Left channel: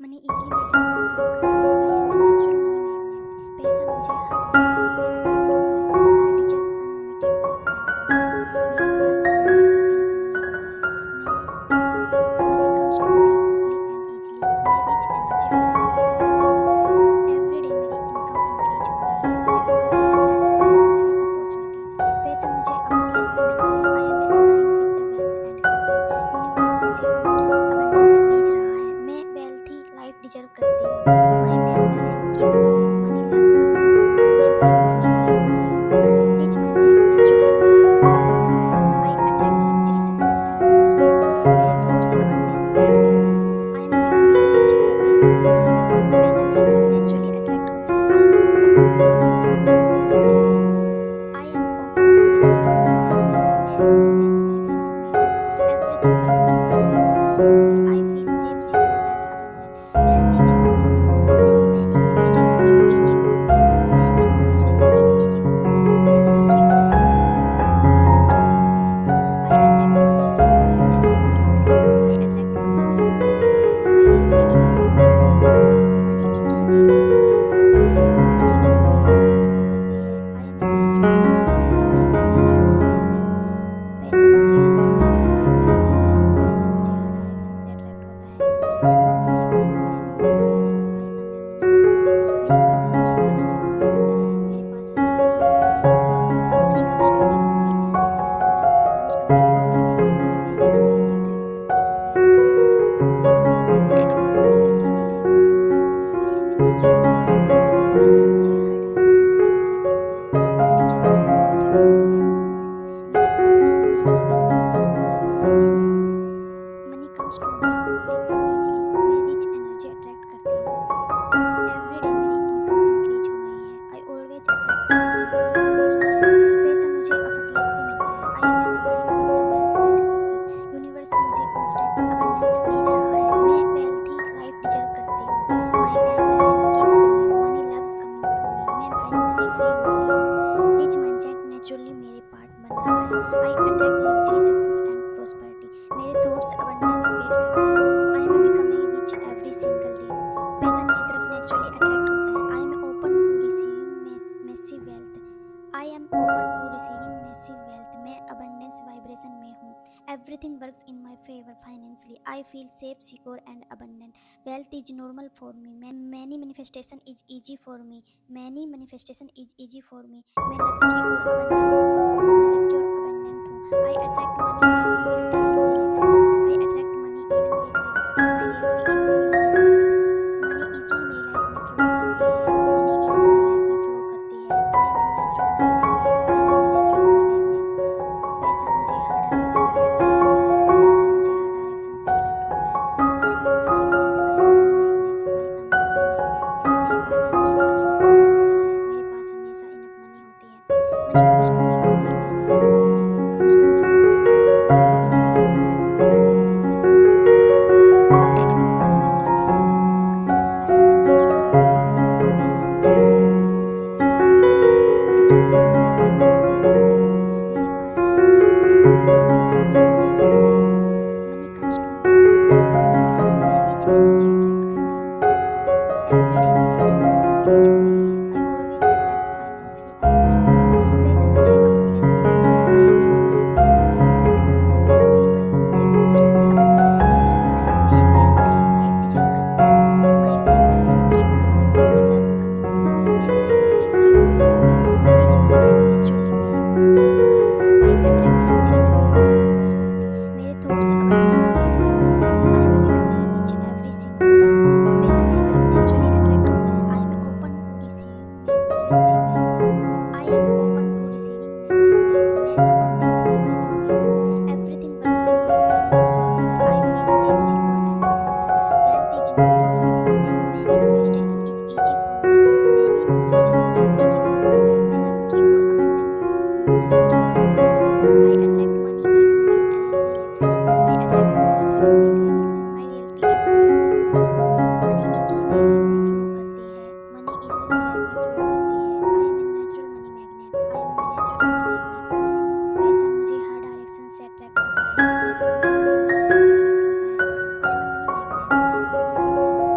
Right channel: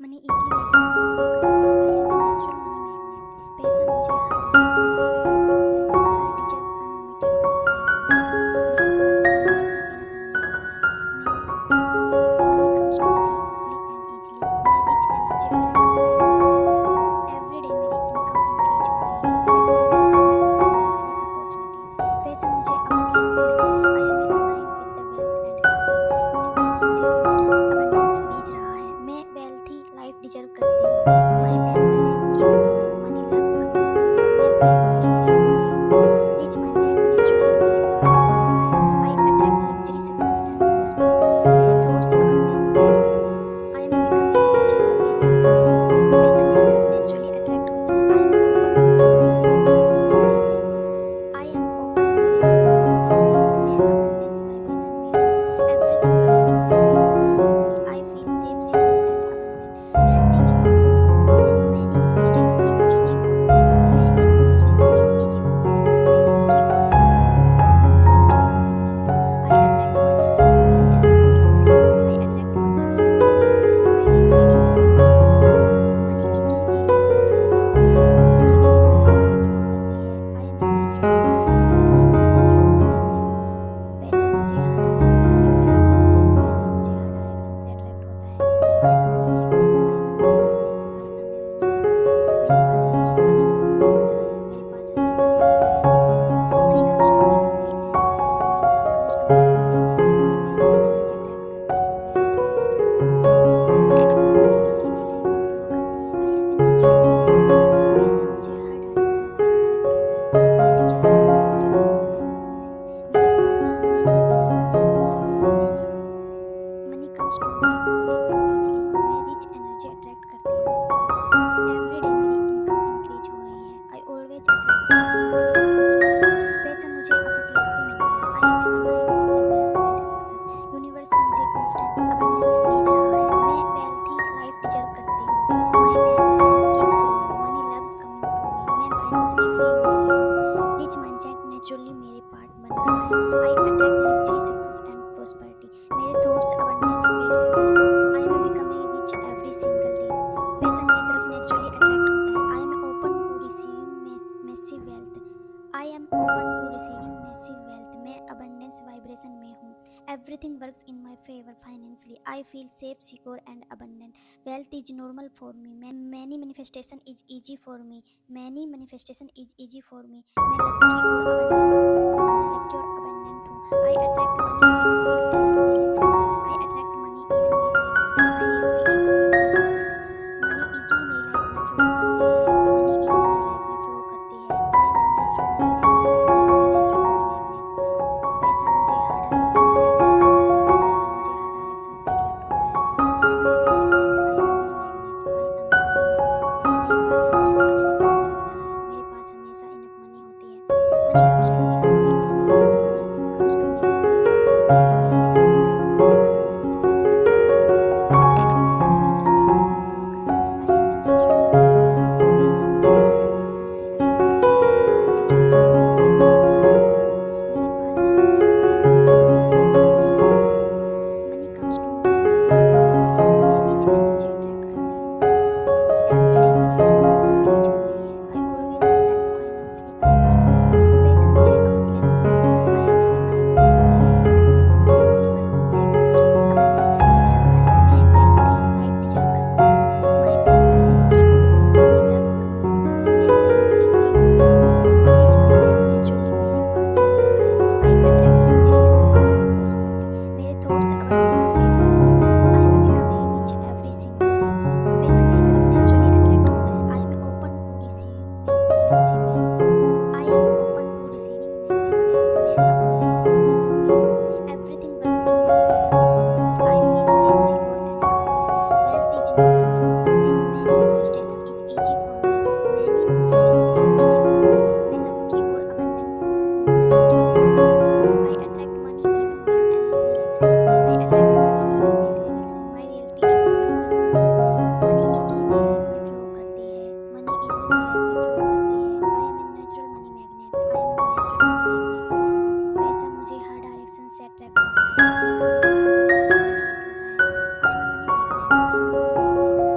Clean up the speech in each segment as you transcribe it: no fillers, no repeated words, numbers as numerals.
Money easily मेरे life में flow करती है। I am a natural money magnet. पैसा मुझे हर डायरेक्शन से अट्रैक्ट होता है। I deserve unlimited wealth and abundance. मेरे पास हमेशा इनफ मनी होता है। Money comes to me quickly and easily. मैं रिच एनर्जी अट्रैक्ट करती हूँ। एवरी डे मेरी इनकम इंक्रीज हो रही है। I always attract financially opportunities. पैसा मुझे एफर्टलेसली मिलता है। I am aligned with the wealth and success. Universe मुझे कांस्टेंट अबंडेंस भेज रहा है। मैं वेल्थी लाइफ डिजर्व करती हूँ। My bank balance keeps growing. Money loves coming to me. मैं फाइनेंशियली फ्री हो रही हूँ। रिच माइंडसेट नेचुरली मेरे पार्ट बन रहा है। I attract luxury success and prosperity. मेरे थॉट्स अबंडेंस क्रिएट करते हैं। I am becoming rich every single day. पैसा मेरी तरफ नेचुरली अट्रैक्ट होता है। I am open to receiving massive wealth. I am open to receiving massive wealth. मैं abundance vibration में हूँ। Everything works in my favour financially. I feel safe, secure and abundant. Wealth is normal for me. Many manifestation is easy for me. Many manifestation is easy for me. मैं lucky और abundant हूँ। I attract money even while relaxing. I attract money even while relaxing. My reality is filled with wealth. Money easily मेरी life में flow करती है। Money easily मेरी life में flow करती है। I am a natural money magnet. I am a natural money magnet. पैसा मुझे हर डायरेक्शन से अट्रैक्ट होता है। पैसा मुझे हर डायरेक्शन से अट्रैक्ट होता है। I am a money magnet. I am a money magnet. I am a money magnet. मेरे पास हमेशा इनफ मनी होता है। मेरे पास हमेशा इनफ मनी होती है। Money comes to me quickly and easily. Money comes to me quickly and easily. मैं रिच एनर्जी अट्रैक्ट करती हूँ। मैं रिच एनर्जी अट्रैक्ट करती हूँ। मनी इजीली मेरी लाइफ में फ्लो करती है। I am a natural money magnet. पैसा मुझे हर डायरेक्शन से अट्रैक्ट होता है। I deserve unlimited wealth and abundance. मेरे पास हमेशा इनफ मनी होता है। मैंने money comes to me quickly and easily. मैं रिच एनर्जी अट्रैक्ट करती हूँ। एवरी डे मेरी इनकम इंक्रीज हो रही है। I always attract financially opportunities. पैसा मुझे एफर्टलेसली मिलता है। I am aligned with the wealth and success. Universe मुझे कांस्टेंट अबंडेंस भेज रहा है। मैं वेल्थी लाइफ डिजर्व करती हूँ। My bank balance keeps growing. Money loves coming to me. मैं फाइनेंशियली फ्री हो रही हूँ। रिच माइंडसेट नेचुरली मेरे पार्ट बन रहा है। I attract luxury success and prosperity. मेरे थॉट्स अबंडेंस क्रिएट करते हैं। I am becoming rich every single day. पैसा मेरी तरफ नेचुरली अट्रैक्ट होता है। I am open to receiving massive wealth. I am open to receiving massive wealth. मैं abundance vibration में हूँ। Everything works in my favour financially. I feel safe, secure and abundant. Wealth is normal for me. Many manifestation is easy for me. Many manifestation is easy for me. मैं lucky और abundant हूँ। I attract money even while relaxing. I attract money even while relaxing. My reality is filled with wealth. Money easily मेरी life में flow करती है। Money easily मेरी life में flow करती है। I am a natural money magnet. I am a natural money magnet. पैसा मुझे हर डायरेक्शन से अट्रैक्ट होता है। पैसा मुझे हर डायरेक्शन से अट्रैक्ट होता है। I am a money magnet. I am a money magnet. I am a money magnet. मेरे पास हमेशा इनफ मनी होता है। मेरे पास हमेशा इनफ मनी होती है। Money comes to me quickly and easily. Money comes to me quickly and easily. मैं रिच एनर्जी अट्रैक्ट करती हूँ। मैं रिच एनर्जी अट्रैक्ट करती हूँ। मनी इजीली मेरी लाइफ में फ्लो करती है। I am a natural money magnet. पैसा मुझे हर डायरेक्शन से अट्रैक्ट होता है। I deserve unlimited wealth and abundance. मेरे पास हमेशा इनफ मनी होता है। Money comes to me quickly and easily. मैं रिच एनर्जी अट्रैक्ट करती हूँ। एवरी डे मेरी इनकम इंक्रीज हो रही है। I always attract financially opportunities. पैसा मुझे एफर्टलेसली मिलता है। I am aligned with the wealth and success. Universe मुझे कांस्टेंट अबंडेंस भेज रहा है। मैं वेल्थी लाइफ डिजर्व करती हूँ। My bank balance keeps growing. Money loves coming to me. मैं फाइनेंशियली फ्री हो रही हूँ। रिच माइंडसेट नेचुरली मेरे पार्ट बन रहा है। I attract luxury success and prosperity. मेरे थॉट्स अबंडेंस क्रिएट करते हैं। I am becoming rich every single day. पैसा मेरी तरफ नेचुरली अट्रैक्ट होता है। I am open to receiving massive wealth. I am open to receiving massive wealth. मैं abundance vibration में हूँ। Everything works in my favour financially. I feel safe, secure and abundant. Wealth is normal for me. Many manifestation is easy for me. Many manifestation is easy for me. मैं lucky और abundant हूँ। I attract money even while relaxing. I attract money even while relaxing. My reality is filled with wealth. Money easily मेरी life में flow करती है। Money easily मेरी life में flow करती है। I am a natural money magnet. I am a natural money magnet. पैसा मुझे हर डायरेक्शन से अट्रैक्ट होता है। पैसा मुझे हर डायरेक्शन से अट्रैक्ट होता है। I am a money magnet. I am a money magnet. I am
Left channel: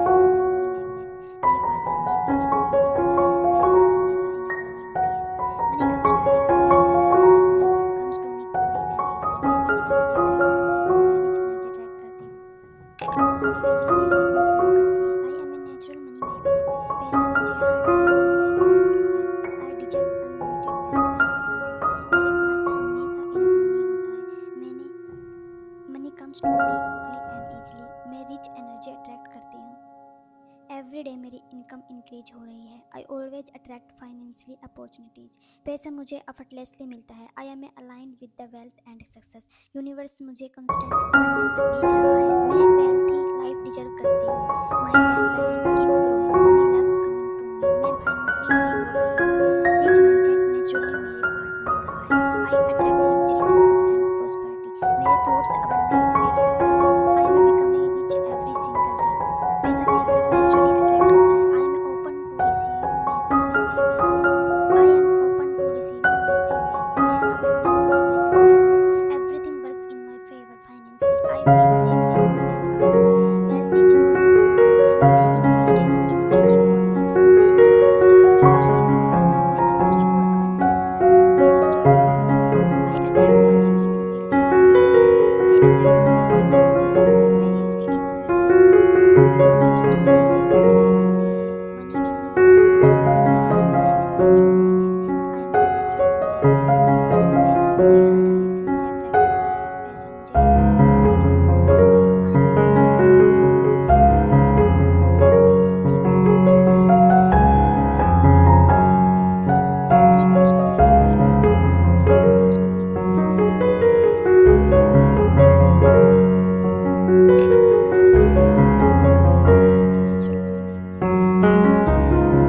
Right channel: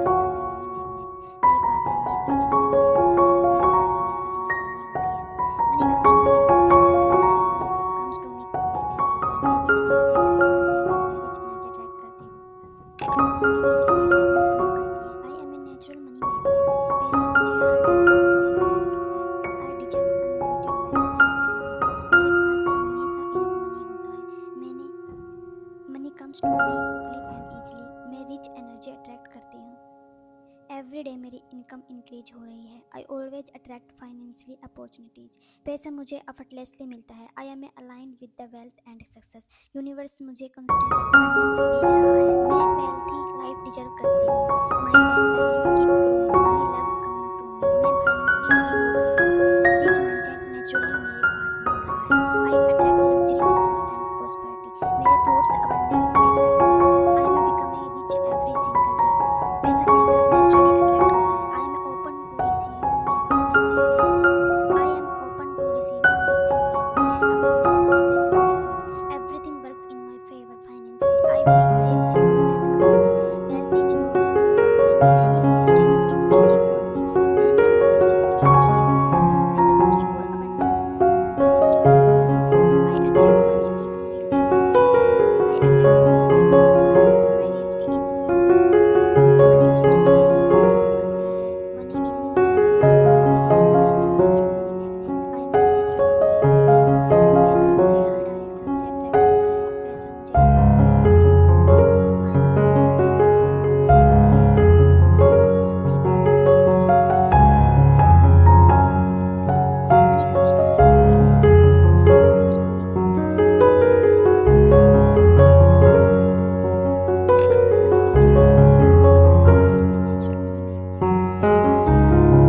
every day मेरी इनकम इंक्रीज हो रही है। I always attract financially opportunities. पैसा मुझे एफर्टलेसली मिलता है। I am aligned with the wealth and success. Universe मुझे constant abundance भेज रहा है। मैं वेल्थी लाइफ डिजर्व करती हूँ। My bank balance keeps growing. Money loves coming to me. मैं फाइनेंशियली फ्री हो रही हूँ। रिच माइंडसेट नेचुरली मेरे पार्ट बन रहा है। I attract luxury success and prosperity. मेरे थॉट्स अबंडेंस क्रिएट करते हैं। I am becoming rich every single day. पैसा मेरी तरफ नेचुरली अट्रैक्ट होता है। I am open to receiving massive wealth. I am open to receiving massive wealth. मैं abundance vibration में हूँ। Everything works in my favour financially. I feel safe, secure and abundant. Wealth is normal for me. Many manifestation is easy for me. Many manifestation is easy for me. मैं lucky और abundant हूँ। मैं lucky और abundant हूँ। I attract money even while relaxing. I attract money even while relaxing. My reality is filled with wealth. Money easily मेरी life में flow करती है। मनी इजीली मेरी लाइफ में फ्लो करती है। I am a natural money magnet. I am a natural money magnet. पैसा मुझे हर डायरेक्शन से अट्रैक्ट होता है। पैसा मुझे हर डायरेक्शन से अट्रैक्ट होता है। I am a money magnet. I am a money magnet. I am a money magnet. मेरे पास हमेशा इनफ मनी होती है। मेरे पास हमेशा इनफ मनी होती है। Money comes to me quickly and easily. Money comes to me quickly and easily. मैं रिच एनर्जी अट्रैक्ट करती हूँ। मैं रिच एनर्जी अट्रैक्ट करती हूँ। मनी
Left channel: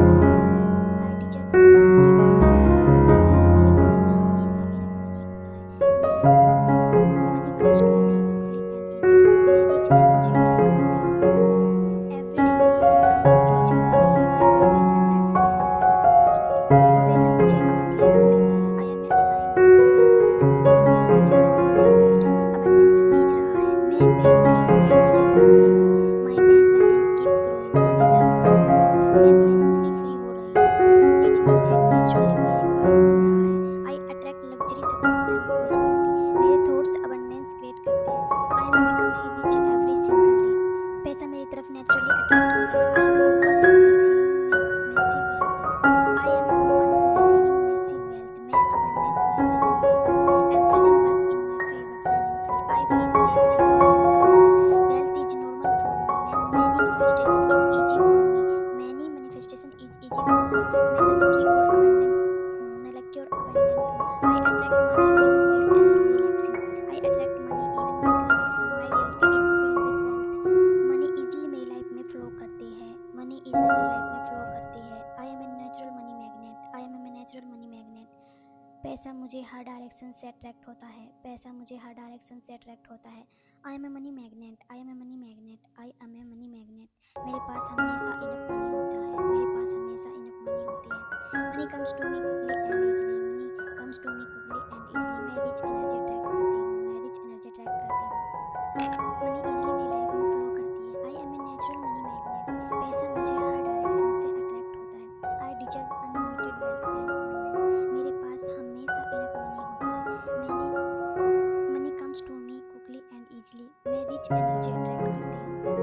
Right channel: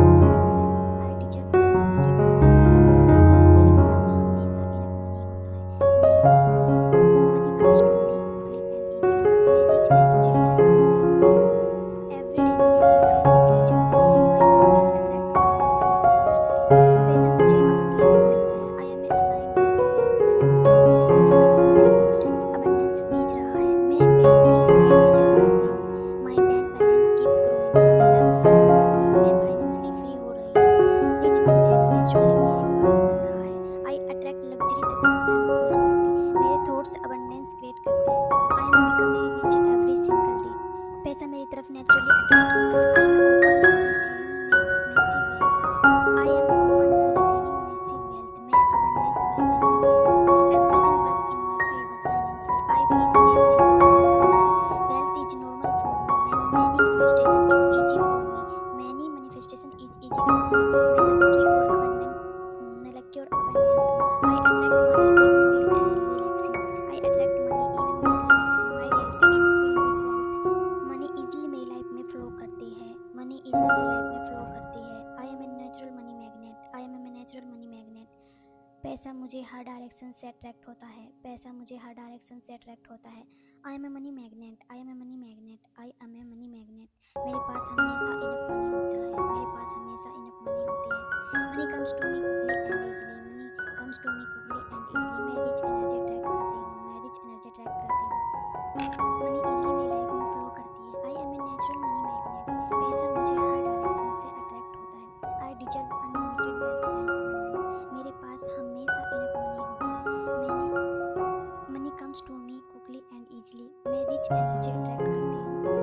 इजीली मेरी लाइफ में फ्लो करती है। I am a natural money magnet. पैसा मुझे हर डायरेक्शन से अट्रैक्ट होता है। I deserve unlimited wealth and abundance. मेरे पास हमेशा इनफ मनी होता है। Money comes to me quickly and easily. मैं रिच एनर्जी अट्रैक्ट करती हूँ। एवरी डे मेरी इनकम इंक्रीज हो रही है। I always attract financially opportunities. पैसा मुझे एफर्टलेसली मिलता है। I am aligned with the wealth and success. Universe मुझे कंस्टेंट अबंडेंस भेज रहा है। मैं वेल्थी लाइफ डिजर्व करती हूँ। My bank balance keeps growing. Money loves coming to me. मैं फाइनेंशियली फ्री हो रही हूँ। रिच माइंडसेट नेचुरली मेरे पार्ट बन रहा है। I attract luxury success and prosperity. मेरे थॉट्स अबंडेंस क्रिएट करते हैं। I am becoming rich every single day. पैसा मेरी तरफ नेचुरली अट्रैक्ट होता है। I am open to receiving massive wealth. I am open to receiving massive wealth. मैं abundance vibration में हूँ। Everything works in my favour financially. I feel safe, secure and abundant. Wealth is normal for me. Many manifestation is easy for me. Many manifestation is easy for me. मैं lucky और abundant हूँ। मैं lucky और abundant हूँ। I attract money even while relaxing. I attract money even while relaxing. My reality is filled with wealth. Money easily मेरी life में flow करती है। मनी इजीली मेरी लाइफ में फ्लो करती है। I am a natural money magnet. I am a natural money magnet. पैसा मुझे हर डायरेक्शन से अट्रैक्ट होता है। पैसा मुझे हर डायरेक्शन से अट्रैक्ट होता है। I am a money magnet. I am a money magnet. I am a money magnet. मेरे पास हमेशा इनफ मनी होता है। मेरे पास हमेशा इनफ मनी होती है। Money comes to me quickly and easily. Money comes to me quickly and easily. मैं रिच एनर्जी अट्रैक्ट करती हूँ। मैं रिच एनर्जी अट्रैक्ट करती हूँ। मनी इजीली मेरी लाइफ में फ्लो करती है। I am a natural money magnet. पैसा मुझे हर डायरेक्शन से अट्रैक्ट होता है। I deserve unlimited wealth and abundance. मेरे पास हमेशा इनफ मनी होता है। Money comes to me quickly and easily. मैं रिच एनर्जी अट्रैक्ट करती हूँ।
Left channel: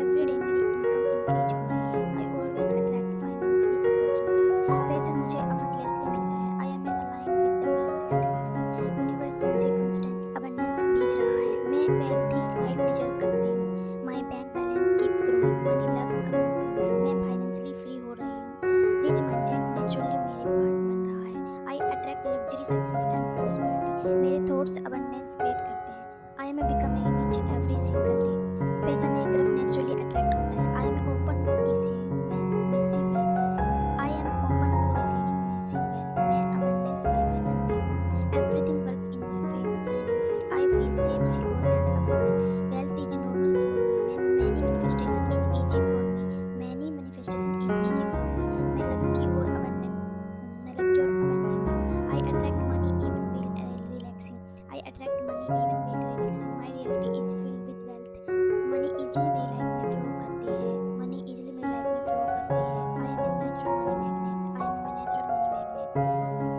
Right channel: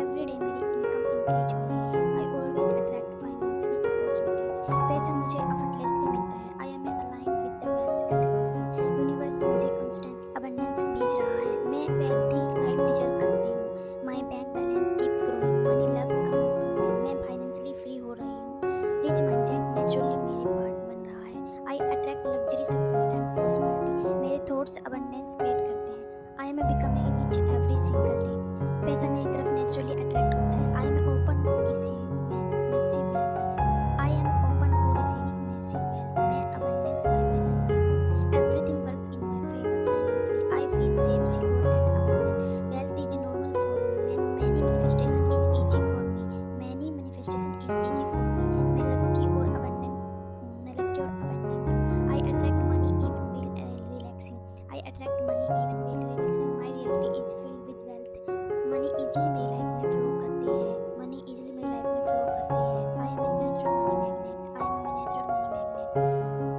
एवरी डे मेरी इनकम इंक्रीज हो रही है। I always attract financially opportunities. पैसा मुझे एफर्टलेसली मिलता है। I am aligned with the wealth and success. Universe मुझे कंस्टेंट अबंडेंस भेज रहा है। मैं वेल्थी लाइफ डिजर्व करती हूँ। My bank balance keeps growing. Money loves coming to me. मैं फाइनेंशियली फ्री हो रही हूँ। रिच माइंडसेट नेचुरली मेरे पार्ट बन रहा है। I attract luxury success and prosperity. मेरे थॉट्स अबंडेंस क्रिएट करते हैं। I am becoming rich every single day. पैसा मेरी तरफ नेचुरली अट्रैक्ट होता है। I am open to receiving massive wealth. I am open to receiving massive wealth. मैं abundance vibration में हूँ। Everything works in my favour financially. I feel safe, secure and abundant. Wealth is normal for me. Many manifestation is easy for me. Many manifestation is easy for me. मैं lucky और abundant हूँ। मैं lucky और abundant हूँ। I attract money even while relaxing. I attract money even while relaxing. My reality is filled with wealth. Money easily मेरी life में flow करती है। मनी इजीली मेरी लाइफ में फ्लो करती है। I am a natural money magnet. I am a natural money magnet.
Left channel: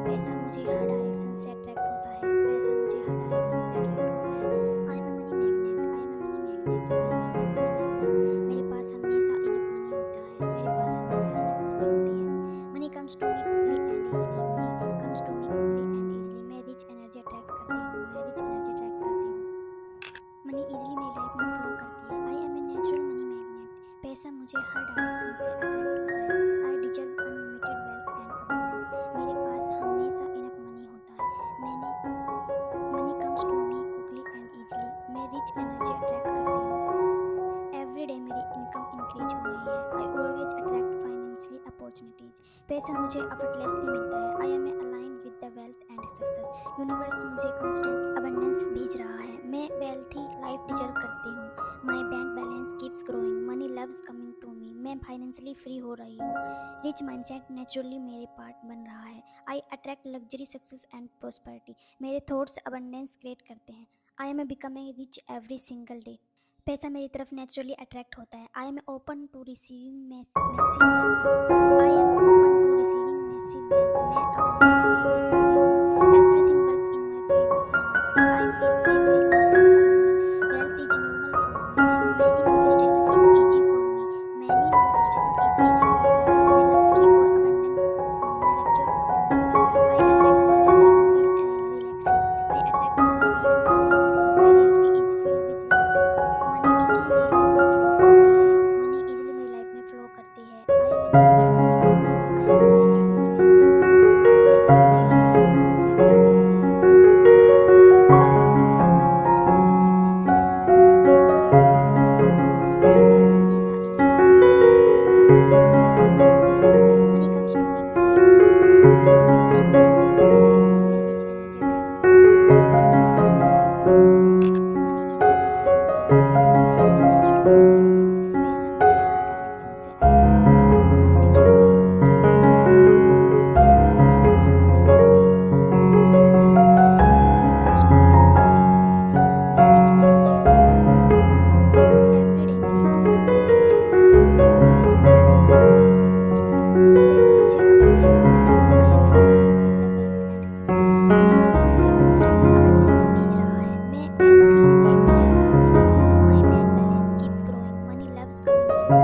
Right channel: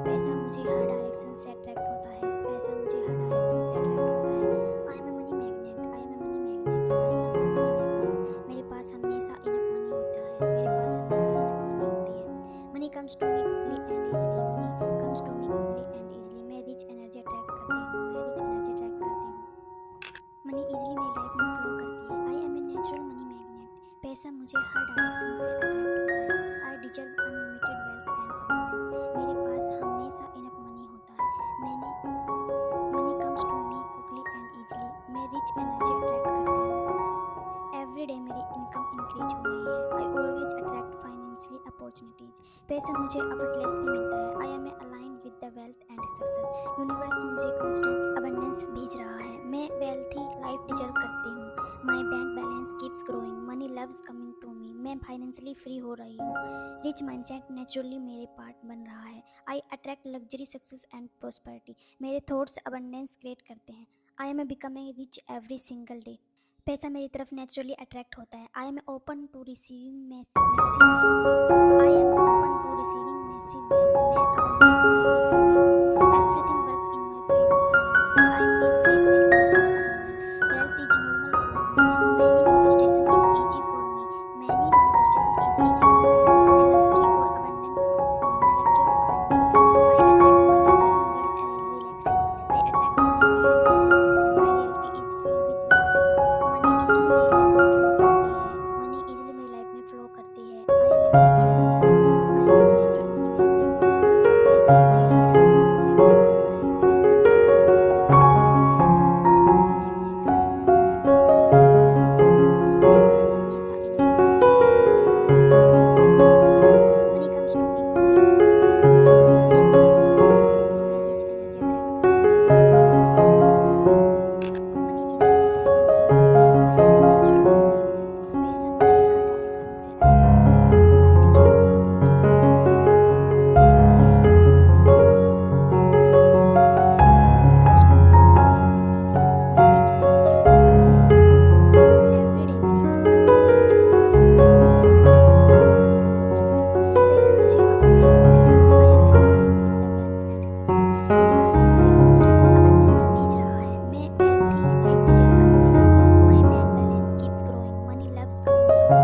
पैसा मुझे हर डायरेक्शन से अट्रैक्ट होता है। पैसा मुझे हर डायरेक्शन से अट्रैक्ट होता है। I am a money magnet. I am a money magnet. I am a money magnet. मेरे पास हमेशा इनफ मनी होता है। मेरे पास हमेशा पैसा मुझे हर डायरेक्शन से अट्रैक्ट होता है। I deserve unlimited wealth and abundance. मेरे पास हमेशा इनफ मनी होता है। Money comes to me quickly and easily. मैं रिच एनर्जी अट्रैक्ट करती हूँ। एवरी डे मेरी इनकम इंक्रीज हो रही है। I always attract financially opportunities. पैसा मुझे एफर्टलेसली मिलता है। I am aligned with the wealth and success. Universe मुझे कांस्टेंट अबंडेंस भेज रहा है। मैं वेल्थी लाइफ डिजर्व करती हूँ। My bank balance keeps growing. Money loves coming to me. मैं फाइनेंशियली फ्री हो रही हूँ। रिच माइंडसेट नेचुरली मेरे पार्ट बन रहा है। I attract luxury success and prosperity. मेरे थॉट्स अबंडेंस क्रिएट करते हैं। I am becoming rich every single day. पैसा मेरी तरफ नेचुरली अट्रैक्ट होता है। I am open to receiving massive wealth. I am open to receiving massive wealth. मैं abundance life ले सकती हूँ। Everything works in my favour financially. I feel safe, secure and abundant. Wealth is normal for me. Many manifestation is easy for me. Many manifestation is easy for me. मैं lucky और abundant हूँ। I attract money even while relaxing. I attract money even while relaxing. My reality is filled with wealth. Money easily मेरी life में flow करती है। I am a natural money magnet. I am a natural money magnet. पैसा मुझे हर direction से attract होता है। पैसा मुझे हर डायरेक्शन से अट्रैक्ट होता है। I am a money magnet. I am a money magnet. I am a money magnet. मेरे पास हमेशा इनफ मनी होता है। मेरे पास हमेशा इनफ मनी होती है। Money comes to me quickly and easily. Money comes to me quickly and easily. मैं रिच एनर्जी अट्रैक्ट करती हूँ। मैं रिच एनर्जी अट्रैक्ट करती हूँ। मनी इजीली मेरी लाइफ में फ्लो करती है। I am a natural money magnet. पैसा मुझे हर डायरेक्शन से अट्रैक्ट होता है। I deserve unlimited wealth and abundance. मेरे पास हमेशा इनफ मनी होता है। Money comes to me quickly and easily. मैं रिच एनर्जी अट्रैक्ट करती हूँ। एवरी डे मेरी इनकम इंक्रीज हो रही है। I always attract financially opportunities. पैसा मुझे एफर्टलेसली मिलता है। I am aligned with the wealth and success. Universe मुझे कांस्टेंट अबंडेंस भेज रहा है। मैं वेल्थी लाइफ डिजर्व करती हूँ। My bank balance keeps growing. Money loves coming to